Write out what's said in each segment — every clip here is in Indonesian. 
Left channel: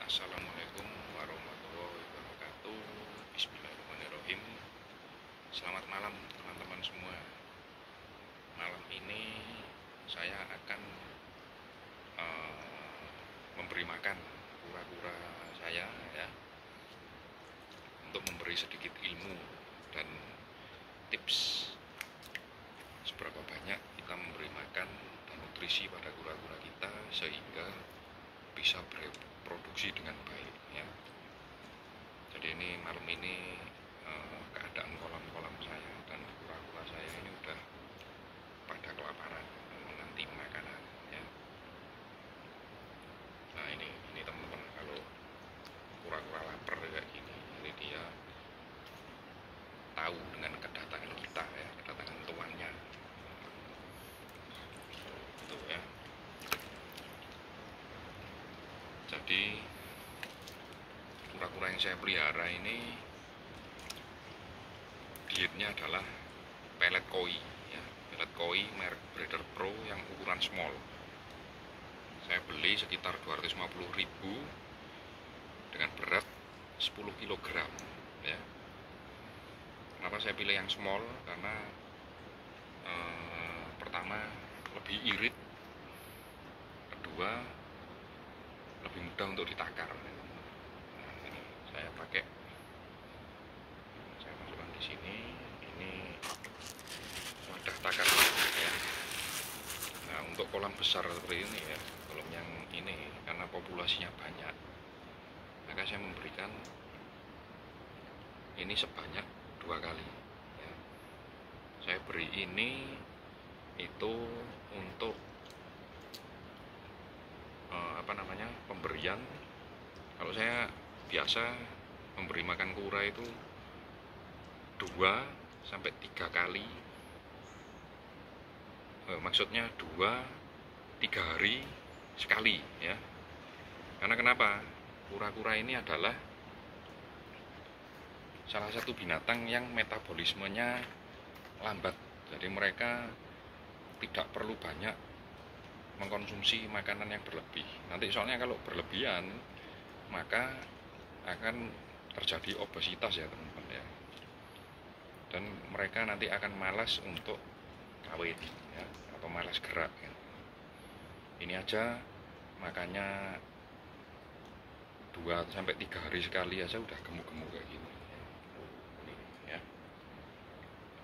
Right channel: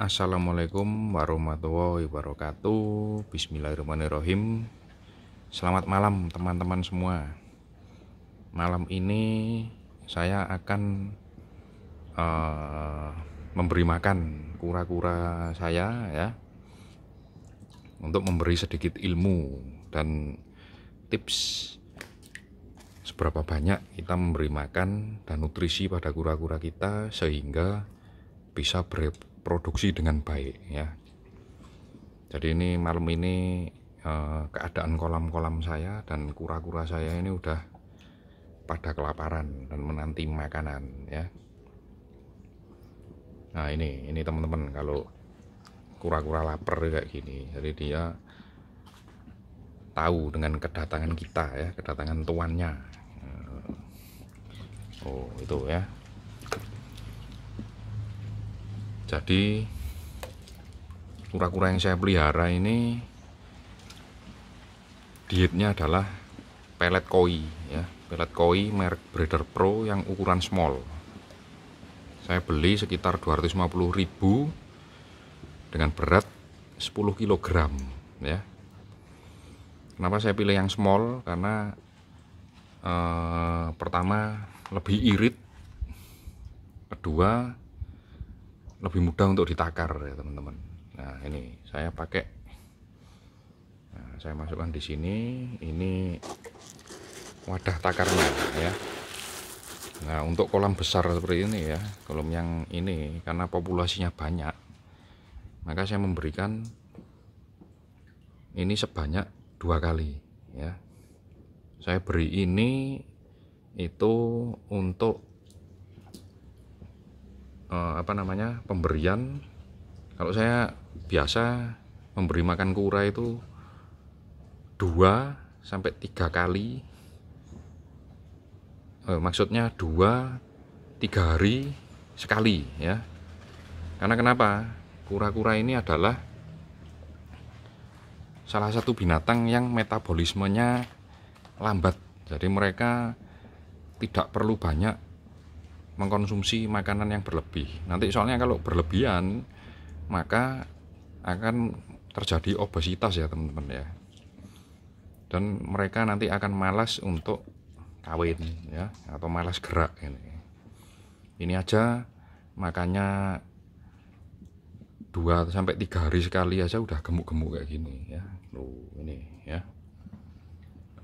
Assalamualaikum warahmatullahi wabarakatuh. Bismillahirrahmanirrahim. Selamat malam teman-teman semua. Malam ini saya akan memberi makan kura-kura saya ya, untuk memberi sedikit ilmu dan tips seberapa banyak kita memberi makan dan nutrisi pada kura-kura kita sehingga bisa berproduksi dengan baik ya. Jadi ini malam ini keadaan kolam-kolam saya dan kura-kura saya ini udah pada kelaparan dan menanti makanan ya. Nah ini teman-teman, kalau kura-kura lapar kayak gini, jadi dia tahu dengan kedatangan kita ya, kedatangan tuannya. Oh itu ya. Jadi kura-kura yang saya pelihara ini dietnya adalah pelet koi ya, pelet koi merek Breeder Pro yang ukuran small. Saya beli sekitar 250.000 dengan berat 10 kg ya. Kenapa saya pilih yang small? Karena pertama lebih irit, kedua lebih mudah untuk ditakar ya teman-teman. Nah ini saya pakai, saya masukkan di sini, ini wadah takarnya ya. Nah untuk kolam besar seperti ini ya, kolam yang ini karena populasinya banyak, maka saya memberikan ini sebanyak 2 kali ya. Saya beri ini itu untuk pemberian. Kalau saya biasa memberi makan kura itu 2-3 kali, maksudnya 2-3 hari sekali ya. Karena kenapa? Kura-kura ini adalah salah satu binatang yang metabolismenya lambat, jadi mereka tidak perlu banyak mengkonsumsi makanan yang berlebih. Nanti soalnya kalau berlebihan maka akan terjadi obesitas ya teman-teman ya, dan mereka nanti akan malas untuk kawin ya, atau malas gerak ini aja makanya 2-3 hari sekali aja udah gemuk-gemuk kayak gini ya. Ini ya,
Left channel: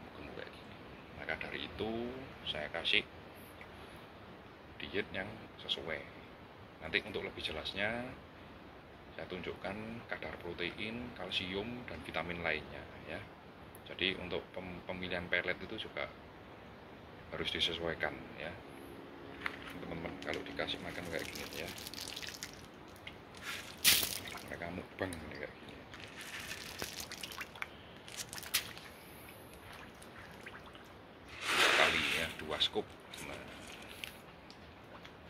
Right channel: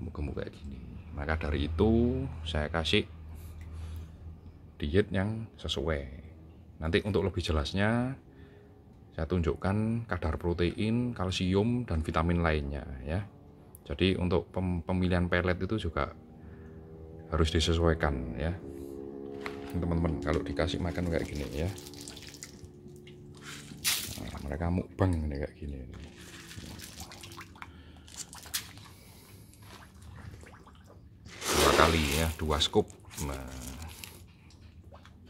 gemuk-gemuk kayak gini. Maka dari itu saya kasih diet yang sesuai. Nanti untuk lebih jelasnya saya tunjukkan kadar protein, kalsium, dan vitamin lainnya ya. Jadi untuk pemilihan pelet itu juga harus disesuaikan ya teman-teman. Kalau dikasih makan kayak gini ya, nah, mereka mukbang nih kayak gini. 2 kali ya, 2 scoop. Nah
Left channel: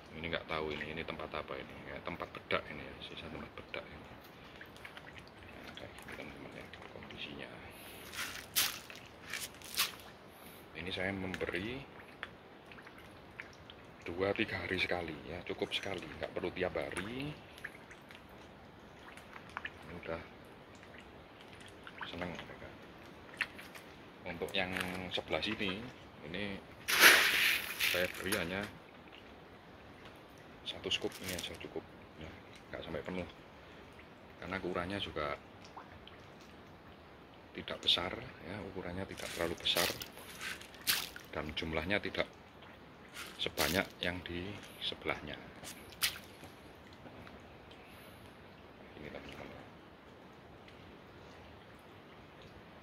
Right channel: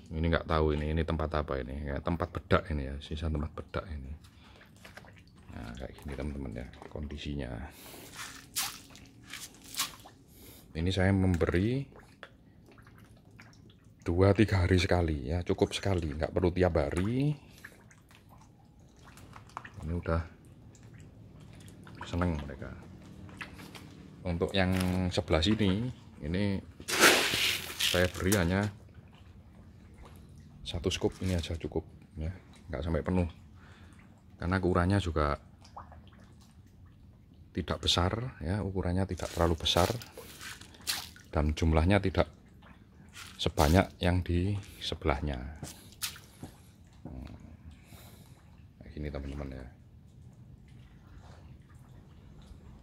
ini nggak tahu ini tempat apa ini ya, tempat bedak ini ya, sisa tempat bedak ini. Nah kayak gini teman-teman ya kondisinya. Ini saya memberi 2-3 hari sekali ya, cukup sekali, nggak perlu tiap hari. Ini udah seneng mereka. Untuk yang sebelah sini ini saya beri hanya 1 scoop, ini aja cukup ya, nggak sampai penuh karena ukurannya juga tidak besar ya, ukurannya tidak terlalu besar dan jumlahnya tidak sebanyak yang di sebelahnya. Nah, gini teman-teman ya.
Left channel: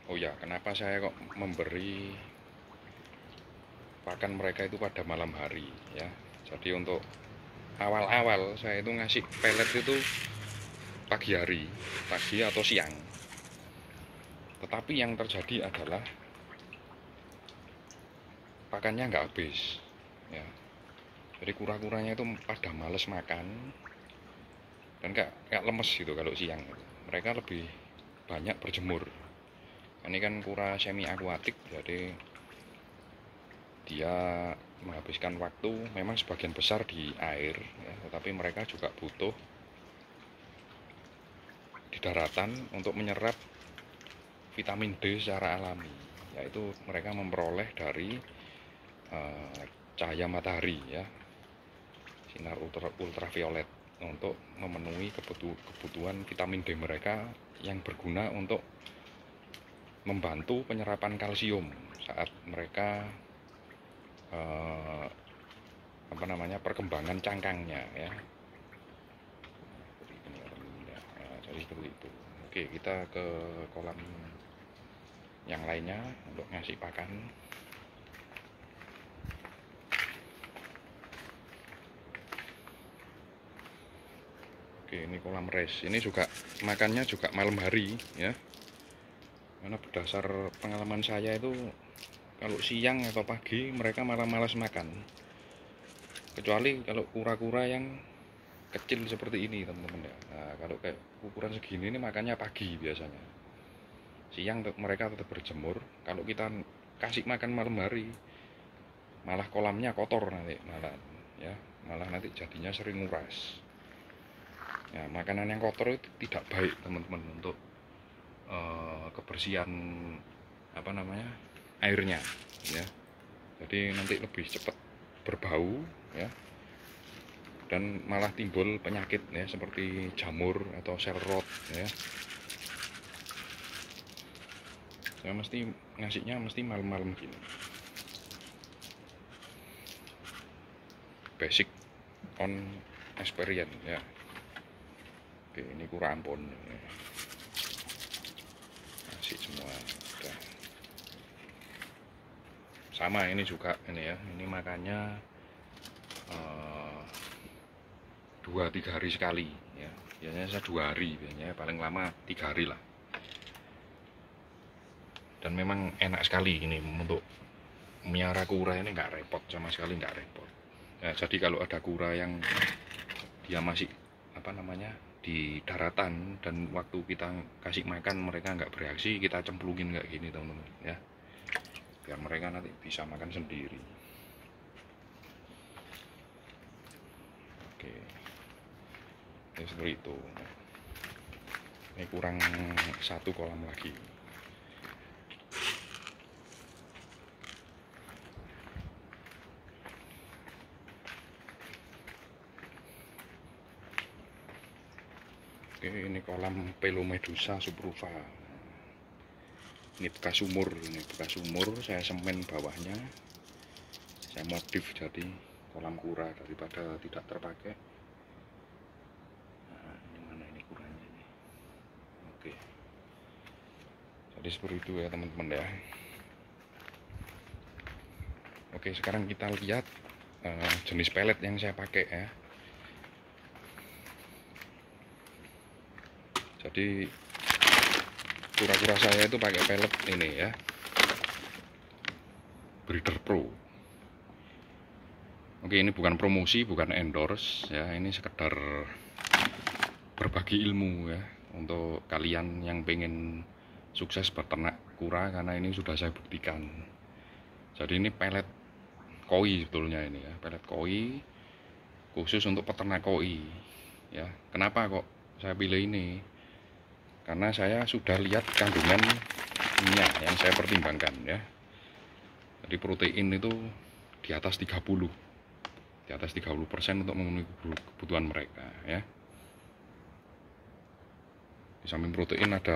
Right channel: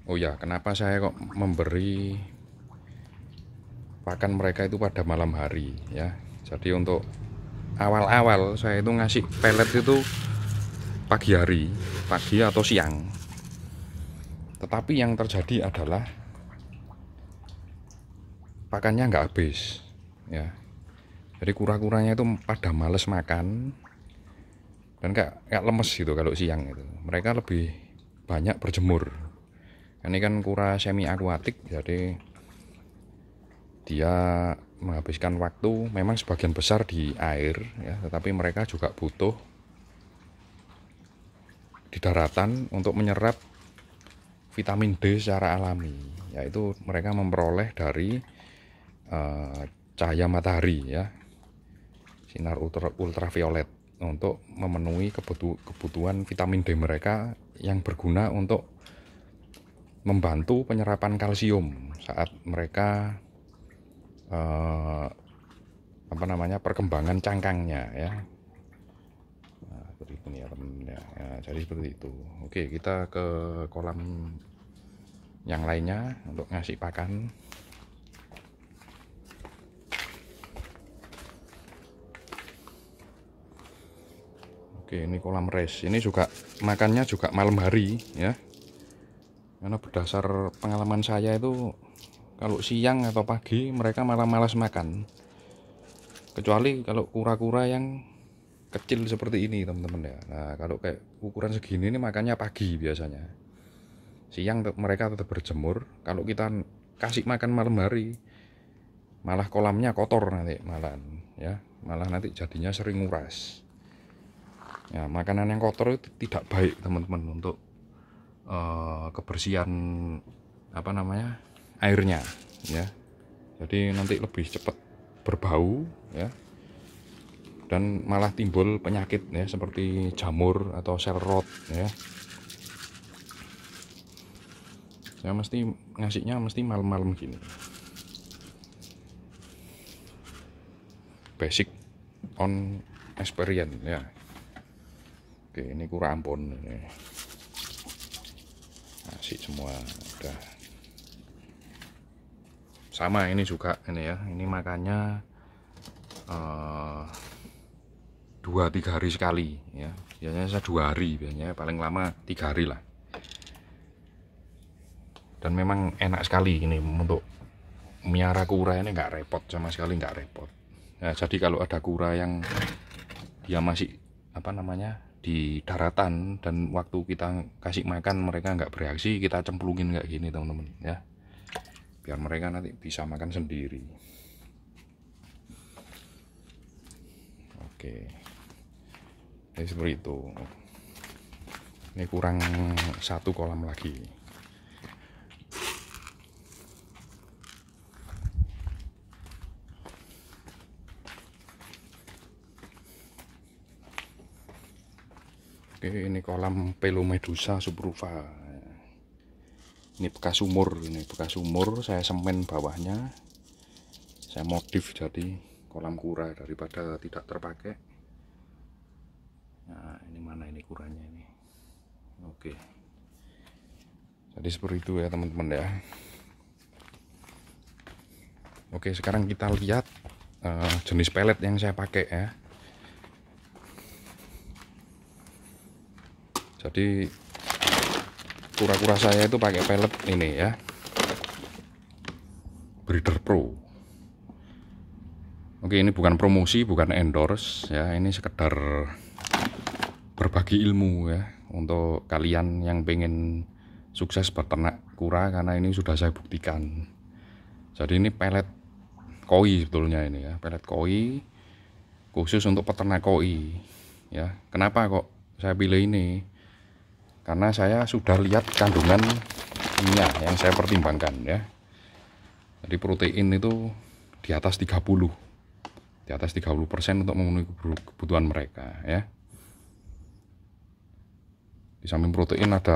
Oh ya, kenapa saya kok memberi pakan mereka itu pada malam hari ya. Jadi untuk awal-awal saya itu ngasih pelet itu pagi hari, pagi atau siang. Tetapi yang terjadi adalah pakannya nggak habis ya. Jadi kura-kuranya itu pada males makan dan kayak lemes gitu kalau siang itu. Mereka lebih banyak berjemur. Ini kan kura semi akuatik, jadi dia menghabiskan waktu memang sebagian besar di air ya, tetapi mereka juga butuh di daratan untuk menyerap vitamin D secara alami, yaitu mereka memperoleh dari cahaya matahari ya, sinar ultraviolet, untuk memenuhi kebutuhan vitamin D mereka yang berguna untuk membantu penyerapan kalsium saat mereka perkembangan cangkangnya ya. Nah, seperti ini ya teman-teman ya. Nah, jadi seperti itu. Oke, kita ke kolam yang lainnya untuk ngasih pakan. Oke, ini kolam res. Ini juga makannya juga malam hari ya. Karena berdasar pengalaman saya itu kalau siang atau pagi mereka malah malas makan. Kecuali kalau kura-kura yang kecil seperti ini teman-teman ya. Nah, kalau kayak ukuran segini ini makannya pagi biasanya. Siang mereka tetap berjemur. Kalau kita kasih makan malam hari, malah kolamnya kotor nanti malah ya. Malah nanti jadinya sering nguras. Ya, makanan yang kotor itu tidak baik teman-teman untuk kebersihan airnya ya. Jadi nanti lebih cepat berbau ya, dan malah timbul penyakit ya seperti jamur atau sel rot ya. Saya mesti ngasihnya malam-malam gini. Basic on experience ya. Oke, ini kura ampun ini. Ngasih semua udah. Sama ini juga ini ya. Ini makannya 2-3 hari sekali ya. Biasanya saya 2 hari, biasanya paling lama 3 hari lah. Dan memang enak sekali ini untuk miara kura ini, nggak repot sama sekali, nggak repot. Nah, jadi kalau ada kura yang dia masih di daratan dan waktu kita kasih makan mereka nggak bereaksi, kita cemplungin kayak gini teman-teman ya, biar mereka nanti bisa makan sendiri. Oke, ini seperti itu. Ini kurang 1 kolam lagi. Oke, ini kolam Pelomedusa subrufa. Ini bekas sumur, saya semen bawahnya, saya modif jadi kolam kura daripada tidak terpakai. Nah, ini mana ini kuranya ini. Oke, jadi seperti itu ya teman-teman ya. Oke, sekarang kita lihat jenis pelet yang saya pakai ya. Jadi kura-kura saya itu pakai pelet ini ya, Breeder Pro. Oke, ini bukan promosi, bukan endorse ya, ini sekedar berbagi ilmu ya untuk kalian yang pengen sukses beternak kura, karena ini sudah saya buktikan. Jadi ini pelet koi sebetulnya ini ya, pelet koi khusus untuk peternak koi ya. Kenapa kok saya pilih ini? Karena saya sudah lihat kandungan minyak yang saya pertimbangkan ya. Jadi protein itu di atas 30% untuk memenuhi kebutuhan mereka ya. Di samping protein ada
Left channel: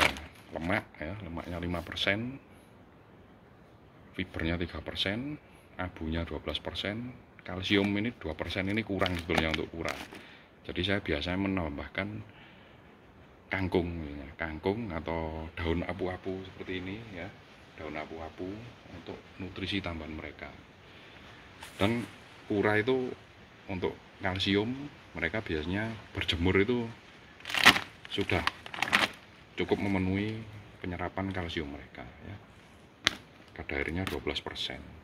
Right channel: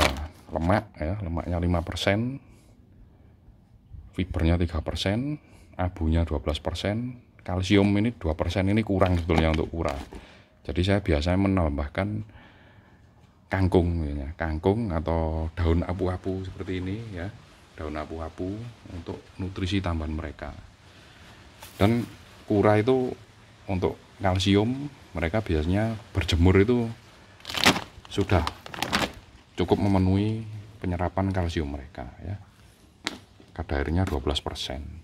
lemak ya, lemaknya 5%, fibernya 3%, abunya 12%, kalsium ini 2%, ini kurang sebetulnya untuk kura. Jadi saya biasanya menambahkan kangkung ya, kangkung atau daun apu-apu seperti ini ya, daun apu-apu untuk nutrisi tambahan mereka. Dan kura itu untuk kalsium mereka biasanya berjemur itu sudah cukup memenuhi penyerapan kalsium mereka ya. Kadar airnya 12%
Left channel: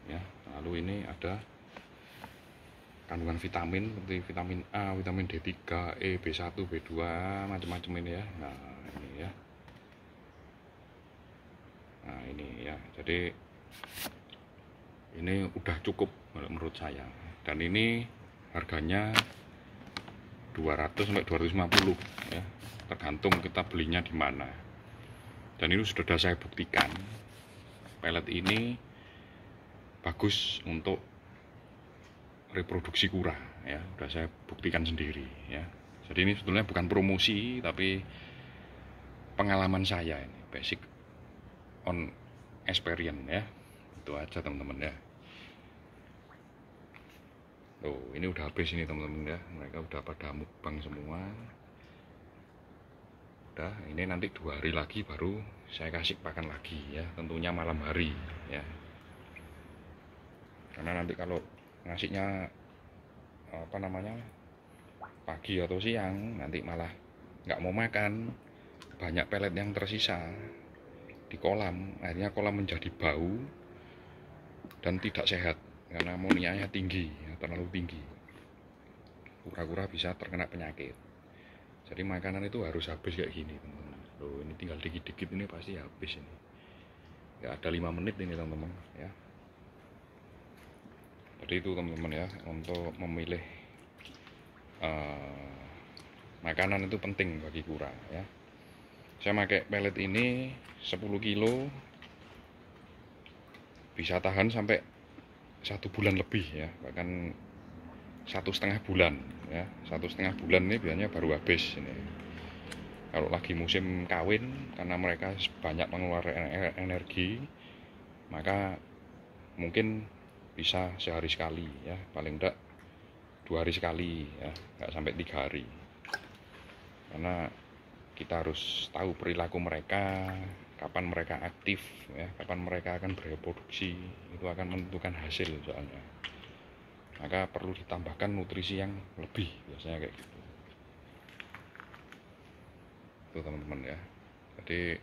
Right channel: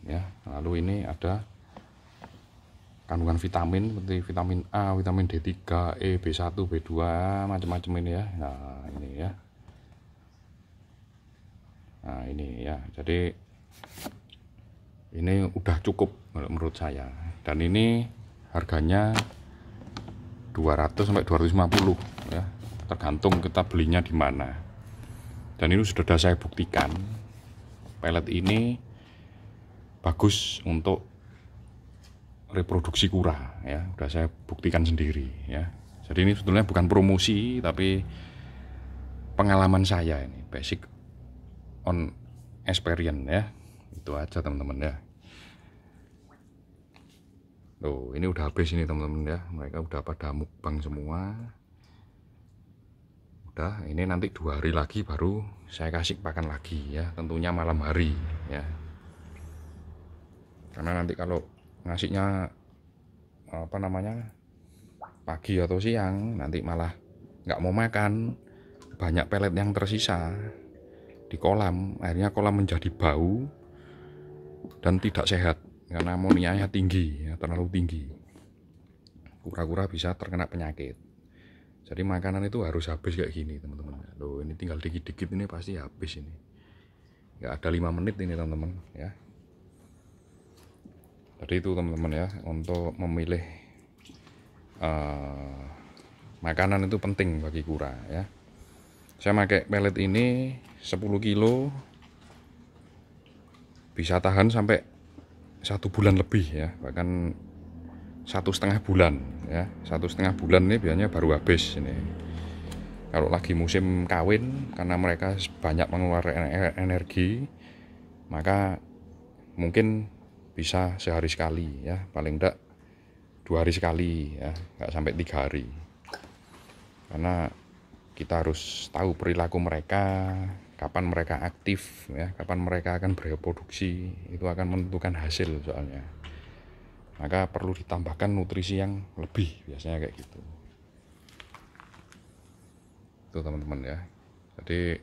ya. Lalu ini ada kandungan vitamin seperti vitamin A, vitamin D3, E, B1, B2, macam-macam ini ya. Nah, ini ya. Nah, ini ya. Jadi ini udah cukup menurut saya. Dan ini harganya 200 sampai 250 ya. tergantung kita belinya di mana. Dan ini sudah saya buktikan, pelet ini bagus untuk reproduksi kura ya, udah saya buktikan sendiri ya. Jadi ini sebetulnya bukan promosi tapi pengalaman saya, ini basic on experience ya. Itu aja teman-teman ya. Tuh, ini udah habis ini teman-teman ya. Mereka udah pada mukbang semua. Udah, ini nanti 2 hari lagi baru saya kasih pakan lagi ya, tentunya malam hari ya. Karena nanti kalau ngasihnya apa namanya pagi atau siang, nanti malah nggak mau makan, banyak pelet yang tersisa di kolam, akhirnya kolam menjadi bau dan tidak sehat karena amonianya tinggi ya, terlalu tinggi. Kura-kura bisa terkena penyakit. Jadi makanan itu harus habis kayak gini teman-teman. Loh, ini tinggal dikit-dikit ini pasti habis ini. Nggak ada 5 menit ini teman-teman ya. Jadi itu teman-teman ya, untuk memilih makanan itu penting bagi kura ya. Saya pakai pelet ini 10 kilo bisa tahan sampai 1 bulan lebih ya, bahkan 1,5 bulan ya. 1,5 bulan ini biasanya baru habis ini. Kalau lagi musim kawin, karena mereka banyak mengeluarkan energi, maka mungkin bisa sehari sekali ya, paling enggak 2 hari sekali ya, nggak sampai 3 hari. Karena kita harus tahu perilaku mereka, kapan mereka aktif ya, kapan mereka akan bereproduksi, itu akan menentukan hasil soalnya. Maka perlu ditambahkan nutrisi yang lebih, biasanya kayak gitu. Itu teman-teman ya. Jadi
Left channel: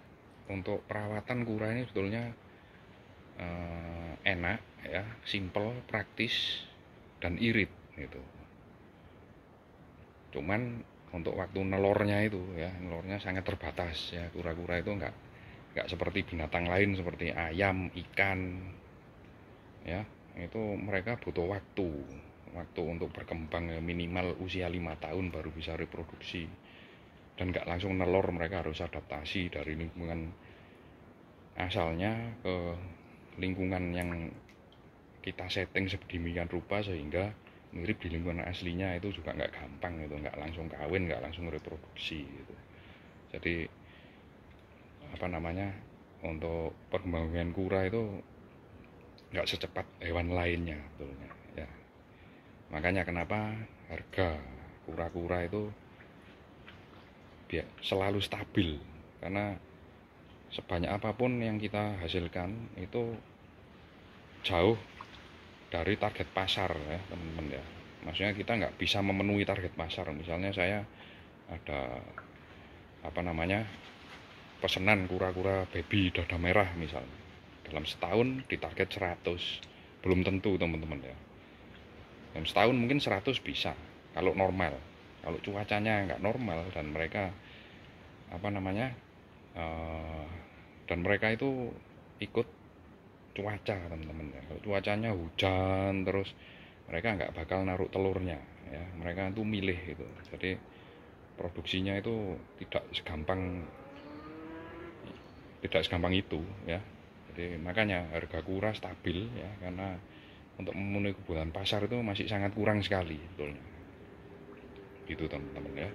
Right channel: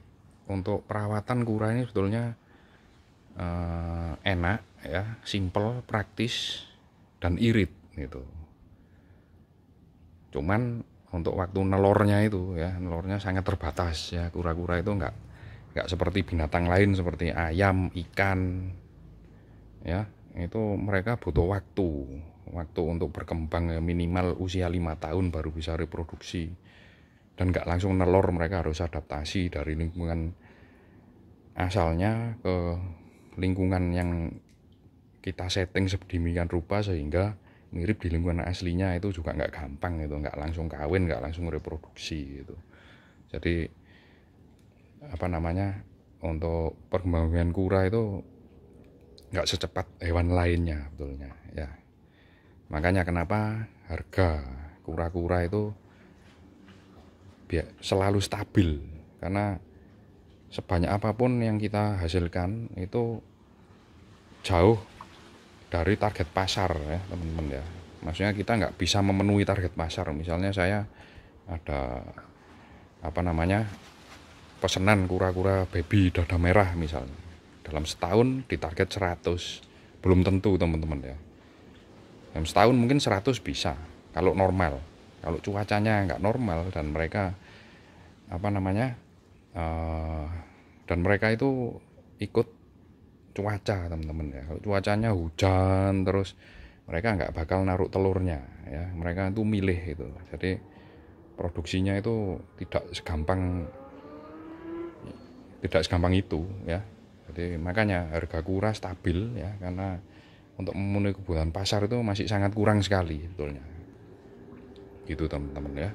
untuk perawatan kura ini sebetulnya enak ya, simple, praktis, dan irit gitu. Cuman untuk waktu nelornya itu ya, nelornya sangat terbatas ya. Kura-kura itu nggak seperti binatang lain seperti ayam, ikan ya. Itu mereka butuh waktu untuk berkembang ya, minimal usia 5 tahun baru bisa reproduksi. Dan nggak langsung nelor, mereka harus adaptasi dari lingkungan asalnya ke lingkungan yang kita setting sedemikian rupa sehingga mirip di lingkungan aslinya. Itu juga nggak gampang, itu nggak langsung kawin, nggak langsung reproduksi gitu. Jadi apa namanya, untuk perkembangan kura itu nggak secepat hewan lainnya betulnya ya. Makanya kenapa harga kura-kura itu selalu stabil, karena sebanyak apapun yang kita hasilkan itu jauh dari target pasar ya teman-teman ya. Maksudnya kita nggak bisa memenuhi target pasar. Misalnya saya ada apa namanya pesanan kura-kura baby dada merah misalnya, dalam setahun ditarget 100, belum tentu teman-teman ya. Dalam setahun mungkin 100 bisa kalau normal. Kalau cuacanya nggak normal dan mereka apa namanya dan mereka itu ikut cuaca teman-teman ya. Kalau cuacanya hujan terus, mereka nggak bakal naruh telurnya ya. Mereka itu milih itu. Jadi produksinya itu tidak segampang itu ya. Jadi makanya harga kura stabil ya, karena untuk memenuhi kebutuhan pasar itu masih sangat kurang sekali betulnya. Gitu teman-teman ya.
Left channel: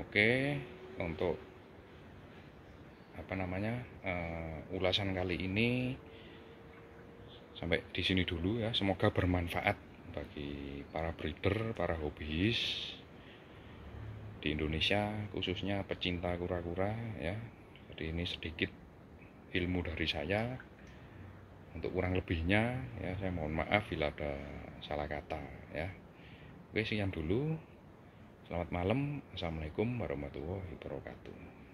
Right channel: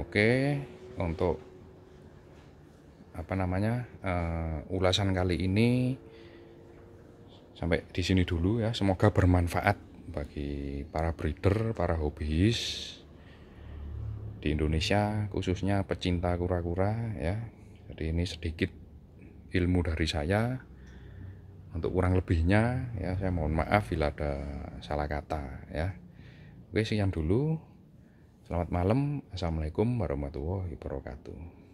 Oke, untuk apa namanya ulasan kali ini sampai di sini dulu ya. Semoga bermanfaat bagi para breeder, para hobis di Indonesia, khususnya pecinta kura-kura ya. Jadi ini sedikit ilmu dari saya. Untuk kurang lebihnya ya saya mohon maaf bila ada salah kata ya. Oke, sekian dulu. Selamat malam. Assalamualaikum warahmatullahi wabarakatuh.